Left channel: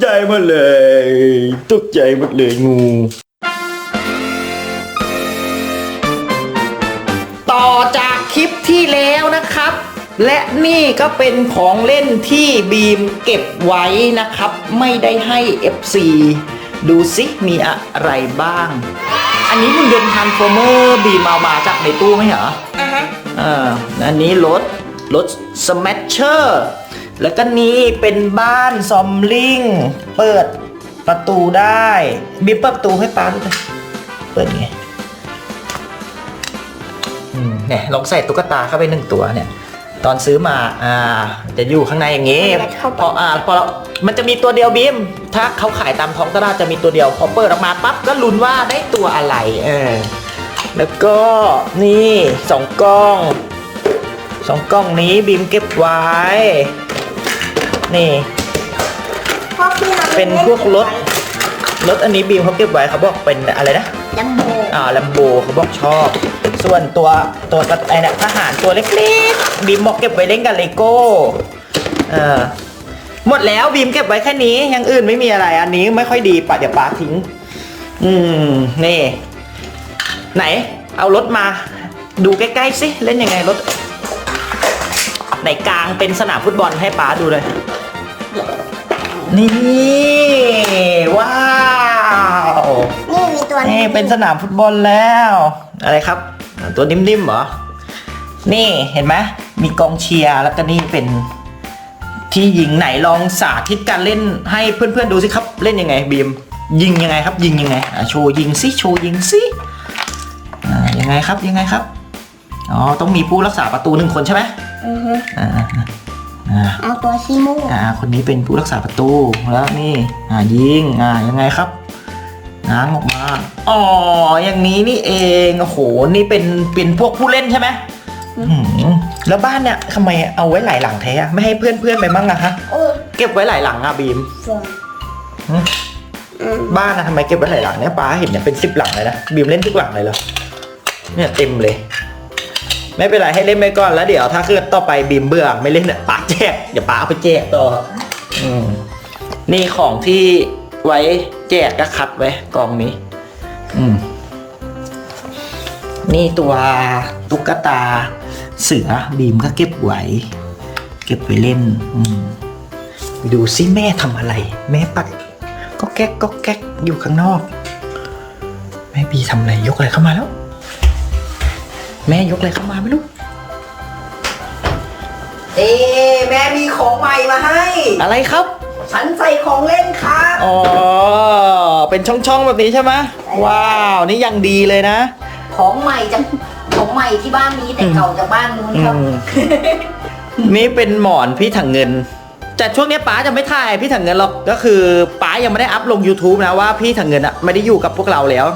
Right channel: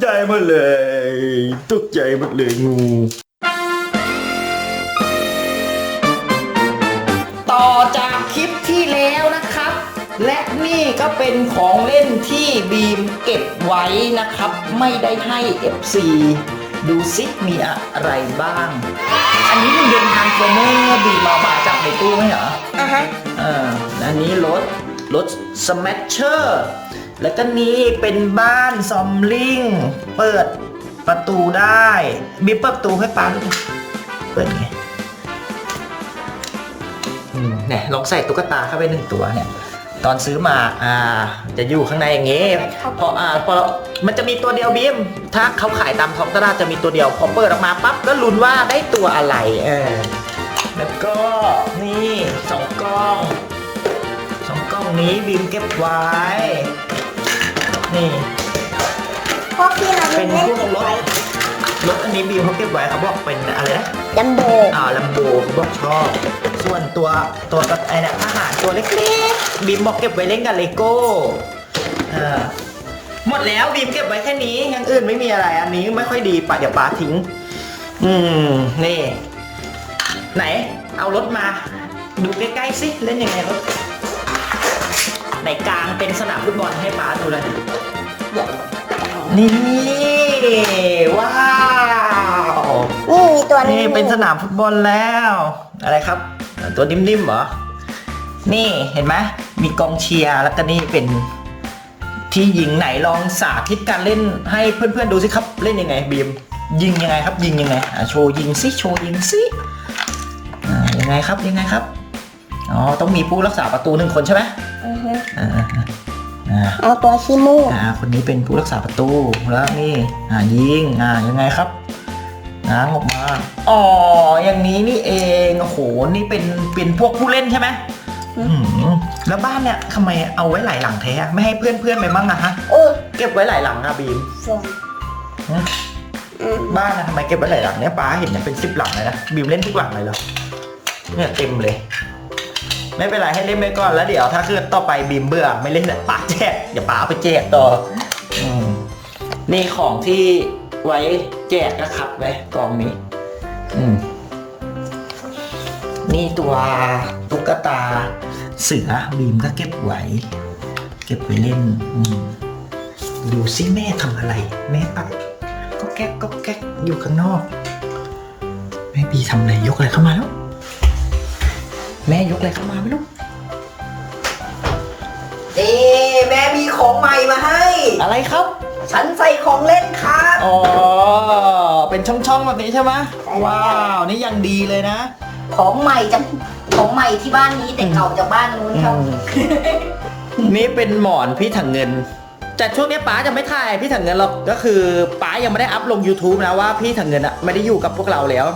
ใจหมดเลย ตกใจหมดเลยงู ต่อจากคลิปที่แล้วนะครับ และนี่ก็เป็นของเล่นที่บีมเก็บไว้นะครับ ไม่ได้ให้ FC ดูซิมีอะไรบ้าง อันนี้มันเป็นทันโฟเมอร์บีมเอามาจากในตู้ไหมเหรออ่าฮะอ่าอันนี้รถรถสแมชเชอร์ แล้วก็นี่เป็นบ้านซอมลิง เปิดประตูได้บีบเปิดประตูให้ป้าดูหน่อยเปิดไงอืมเนี่ยลองใส่ตุ๊กตาเข้าไปหนึ่งตัวเนี่ย ตอนซื้อมาอ่า จะอยู่ข้างในอย่างงี้พออ่าพอเรามันจะมีตัวเดียวบีมถ้าเขาขายตามท้องตลาดจะมีตัวเดียว พอเปิดออกมาปั๊บก็ลุ้นว่าได้ตัวอะไร เออแล้วก็นี่สองกล้องสองกล้องนี้บีมเก็บไว้ นี่พวกที่ราเป็นพวกรถรถอันนี้บีมเขาเก็บไว้เขาบอกเป็นอะไรนะจัมโบ้อ่าลัมโบเขาบอกชอบ ส่วนตัวตัวกระไอ้เนี่ยทหารตัวเล็กๆบีมบอกเก็บไว้เล่นกับเลโก้เออหมดแล้วบีมเก็บไว้แค่นี้อยังอื่นไม่มีอะไร อันนี้ไม่ค่อยดีปะเดี๋ยวปาทิ้ง อืมนี่ ไหน เอารถมา ดูใกล้ๆสิเล่นยังไงรถไหนกลางเป็นสนามฟุตบอลให้ป้าดูเลย นี่ว้าวนี่มีตัวนี่เป็นสนามฟุตบอลแล้ว อะไรครับ ตัวนิ่มๆเหรอ นี่เห็นไหมมีกองเชียร์แล้วก็นี่เป็นที่ยิงไหนลองสาธิตการเล่นให้เพื่อนๆดูสิครับ เล่นยังไงบีมยิงยังไงครับ ยิงยังไงอะโชว์ยิงสิโชว์ยิงสิอ่ายังไงครับยังไงครับอ๋อต้องมีผู้รักษาประตูหนึ่งคนใช่ไหมอือฮึอ่า อ่าอ่าเอาตัวชิมูอ่าคนนี้เป็นผู้รักษาประตูแล้วนี่อ่ายิงอ่ายังไงครับง้างออกมาอ๋ออย่างนี้นี่เองโอ้โหนี่เป็นเป็นพวกผู้เล่นใช่ไหมอื้อหือแล้วบ้านเนี่ยทำไมเอาไว้หลายหลังแท้อะไม่ให้เพื่อนเพื่อนๆไปมั่งอะฮะโอ้ยเก็บไว้หลายหลังอะบีมฟองหืออืมบ้านอะทำไมเก็บไว้หลายหลังเนี่ยป้าเห็นเนี่ยเป็นสิบหลังเลยนะบีมเล่นทุกหลังเลยเหรอเนี่ยเต็มเลย ไม่เป็นไรให้เล่นไปก่อนแล้วเดี๋ยวถ้าคือต่อไปบีมเบื่อไม่เล่นป้าแจกเดี๋ยวป้าเอาไปแจกต่ออืมนี่ของที่ไว้แจกก็คัดไว้กองนี้ อืม นี่ตัวตุ๊กตา เสือบีมก็เก็บไว้ เก็บไว้เล่น อืมดูสิแม่ทำอะไร แม่ปัดก็แก๊กก็แก๊กอยู่ข้างนอก แม่บีทำอะไรยกอะไรเข้ามาแล้ว แม่ยกอะไรเข้ามาไม่รู้เอ๊ะแม่มีของใหม่มาให้ อะไรครับ ฉันใส่ของเล่นครับอ๋อเป็นช่องๆแบบนี้ใช่ไหมว้าวนี่ยังดีเลยนะ ของใหม่จังของใหม่ที่บ้านนี้แต่เก่าจากบ้านนู้นครับ อืม นี่เป็นหมอนพี่ถังเงิน แต่ช่วงนี้ป๋าจะไม่ถ่ายพี่ถังเงินหรอกก็คือป๋ายังไม่ได้อัพลง YouTube นะว่าพี่ถังเงินอะไม่ได้อยู่กับพวกเราแล้ว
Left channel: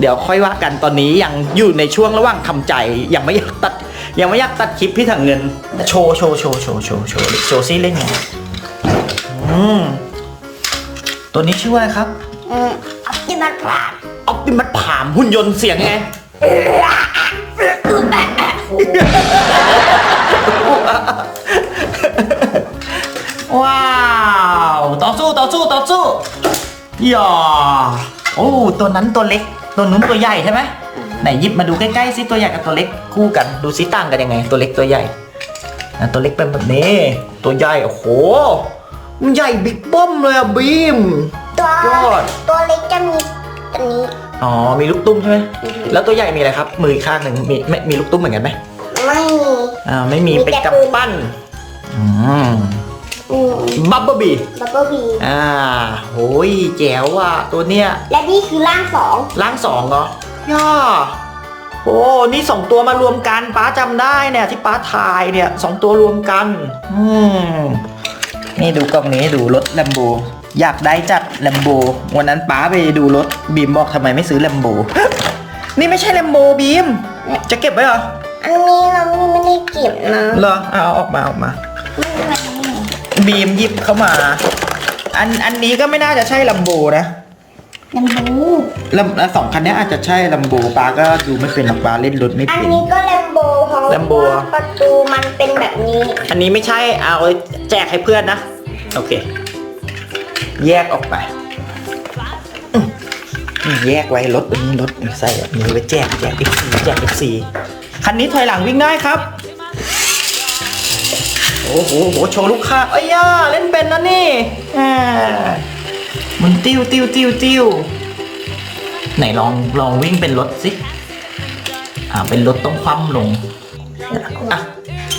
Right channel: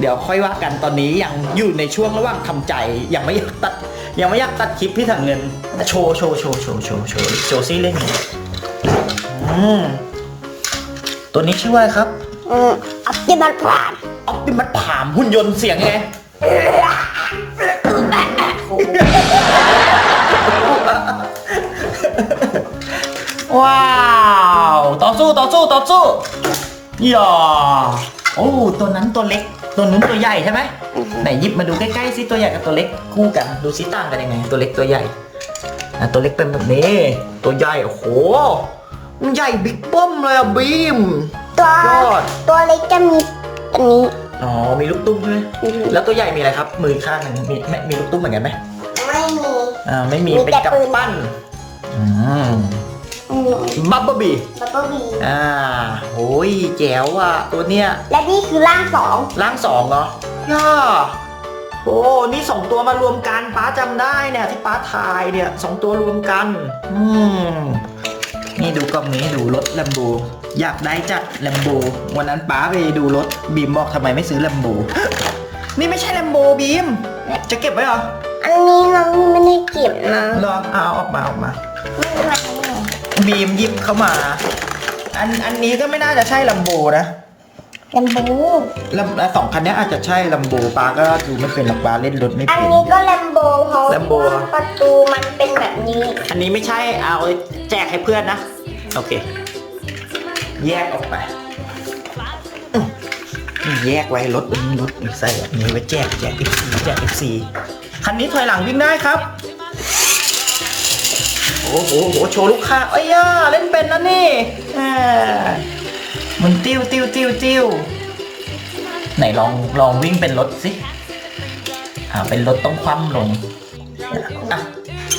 เดี๋ยวค่อยว่ากันตอนนี้ยังอยู่ในช่วงระหว่างทำใจยังไม่อยากตัดยังไม่อยากตัดคลิปพี่ถังเงิน โชว์โชว์โชว์โชว์โชว์โชว์โชว์ซิเล่นไงอืมตัวนี้ชื่อว่าอะไรครับอืมที่มันผ่านออปติมัสผามหุ่นยนต์เสียงยังไงว้าว ต่อสู้ต่อสู้ต่อสู้อย่า โอ้ตัวนั้นตัวเล็ก ตัวนู้นตัวใหญ่ใช่ไหมไหนหยิบมาดูใกล้ๆสิตัวใหญ่กับตัวเล็กคู่กันดูซิต่างกันยังไง ตัวเล็กตัวใหญ่อะตัวเล็กเป็นแบบนี้ ตัวใหญ่โอ้โหมันใหญ่บิ๊กเบิ้มเลยอะบีม ตัวยอด ตัวเล็กจะมีอันนี้ อ๋อมีลูกตุ้มใช่ไหมอือฮึแล้วตัวใหญ่มีอะไรครับ มืออีกข้างหนึ่งมีไม่มีลูกตุ้มเหมือนกันไหมไม่มี อ่าไม่มีมีเป็นแต่ปืนกำปั้น อืมอืม บับเบิ้ลบีบับเบิ้ลบีอ่าโอ้ยแจ๋วอะตัวเนี้ย และนี่คือร่างสองล่างสองเหรอย่าโอ้ นี่สองตัวมารวมกันป้าจำได้เนี่ย ที่ป้าถ่ายเนี่ยสองตัวรวมกัน อืม นี่ดูกล้องนี้ดูรถแลมโบอยากได้จัดแลมโบวันนั้นป้าไปดูรถบีมบอกทำไมไม่ซื้อแลมโบนี่ไม่ใช่แลมโบบีม จะเก็บไว้เหรอ อันนี้มันไม่ได้เก็บนะเหรอเอาออกมาออกมาไม่เป็นไร บีมหยิบเข้ามา อันอันนี้ก็ไม่น่าจะใช่ลัมโบนะลำบูลำสองคันนี้อาจจะใช่ลัมโบปาก็ดูไม่เป็นหรอกปาเล่นรถไม่อันเป็น นี้ก็แลมโบเพราะ Lambo ว่าประตูมันเป็นแบบนี้อันนี้ไม่ใช่เอาแจกให้เพื่อนนะ โอเค แยกออกไปอืมนี่แยกไว้รถอันนี้รถนี่ใส่แบบนี้ไว้แจกแจก FC แจก FC คันนี้ถอยหลังวิ่งได้ครับโอ้โหโหโชว์ลูกค้าเอ้ยย่าเล่นเป็นนะนี่มันติ้วติ้วติ้วติ้วไหนลองลองวิ่งเป็นรถสิ อ่าเป็นรถต้องคว่ำลง อะ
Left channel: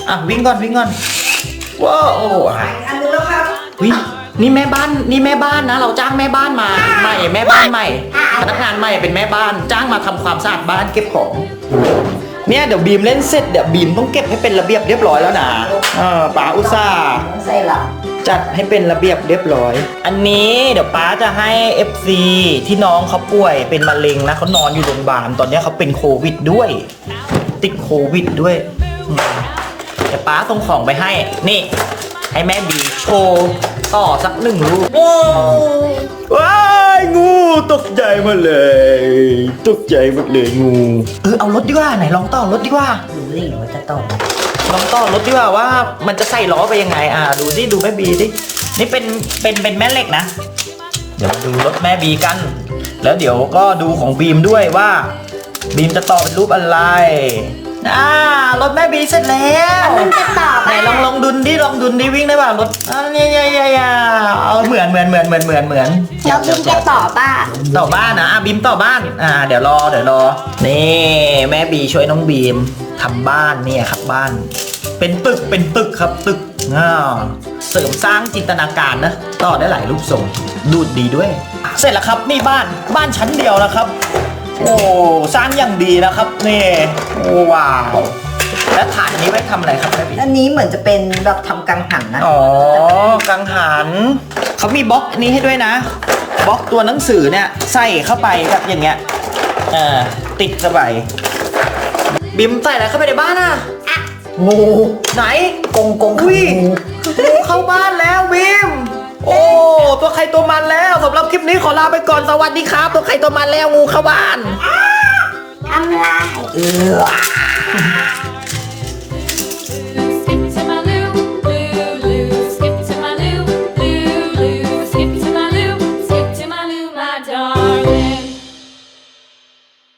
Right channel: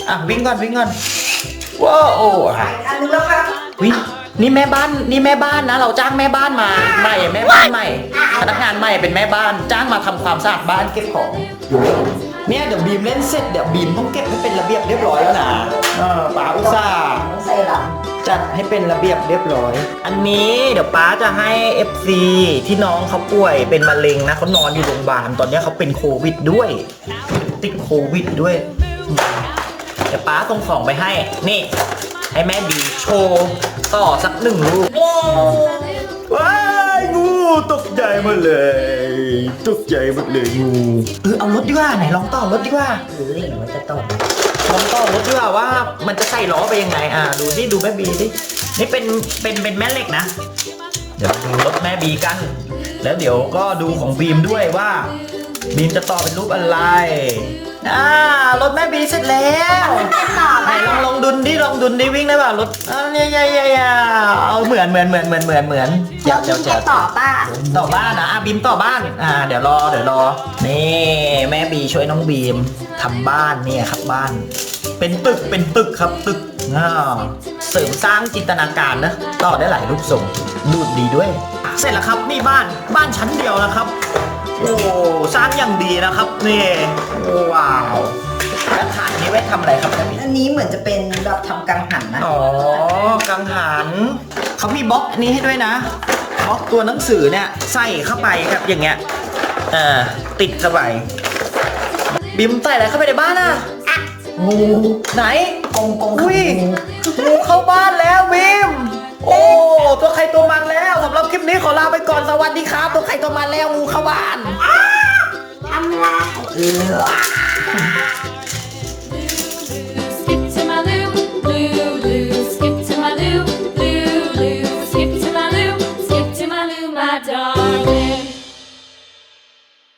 อะวิ่งก่อนวิ่งก่อนว้าวโอ้อะวินี่แม่บ้านนี่แม่บ้านนะ เราจ้างแม่บ้านมาใหม่แม่บ้านใหม่ พนักงานใหม่เป็นแม่บ้านจ้างมาทำความสะอาดบ้านเก็บของ เนี่ยเดี๋ยวบีมเล่นเสร็จเดี๋ยวบีมต้องเก็บให้เป็นระเบียบเรียบร้อยแล้วนะ เออป๋าอุตส่าห์ใส่หลังจัดให้เป็นระเบียบเรียบร้อย อันนี้เดี๋ยวป้าจะให้ FC ที่น้องเขาป่วยเป็นมะเร็งนะเขานอนอยู่โรงพยาบาลตอนนี้เขาเป็นโควิดด้วย ติดโควิดด้วยเดี๋ยวป้าส่งของไปให้ นี่ ให้แม่บีโชว์ต่อสักหนึ่งลูกว้ายงูตกใจมดเลย ตกใจมดเลยงูเออเอารถดีกว่าไหนลองต่อรถดีกว่าหรือรือจะต้อ ลองต้อรถดีกว่าว่ามันจะใส่ล้อไปยังไง อ่า ดูสิดูแม่บีสินี่เป็นเป็นเป็นแม่เหล็กนะ เดี๋ยวมาดูรถแม่บีกัน แล้วเดี๋ยวก็ดูของบีมด้วยว่าบีมจะต่อเป็นรูปอะไร อ่ารถแม่บีเสร็จแล้วไหนลองลองดุนดิลองดุนดิวิ่งได้ป่ะรถอ่าเนี่ยเนี่ยเนี่ยเนี่ยเอาเหมือนเหมือนเหมือนเหมือนเหมือนเหมือนเดี๋ยวเดี๋ยวเดี๋ยวต่อบ้านต่อบ้านนะอะบีมต่อบ้านอ่าเดี๋ยวรอเดี๋ยวรอนี่แม่บีช่วยน้องบีมทำบ้านเนี่ยครับบ้าน เป็นตึกเป็นตึกครับตึกอ่าเสริมสร้างจินตนาการนะต่อได้หลายรูปทรงดูดดีด้วย เสร็จแล้วครับนี่บ้านบ้านชั้นเดียวนะครับ โอ้สร้างอย่างดีนะครับนี่โอ้ว้าวแล้วฐานอันนี้ไว้ทำอะไรครับแม่บีอันนี้เหมือนจะเป็นแบบทำกังหันนะอ๋อกังหันเขามีบล็อกนี้ให้ด้วยนะบล็อกตัวหนังสือเนี่ยใส่เข้าไปครับอย่างเงี้ยเออติดเข้าไปบิมใส่อะไรเข้าไปในบ้านอะงูไหนกงกงอุ้ยงูเข้าบ้านแล้วบิม โอ้ตัวใครตัวมันแล้วสำหรับคลิปนี้ขอลาไปก่อนสวัสดีครับ ตัวใครตัวมันแล้วงูเข้าบ้านทำลายเออ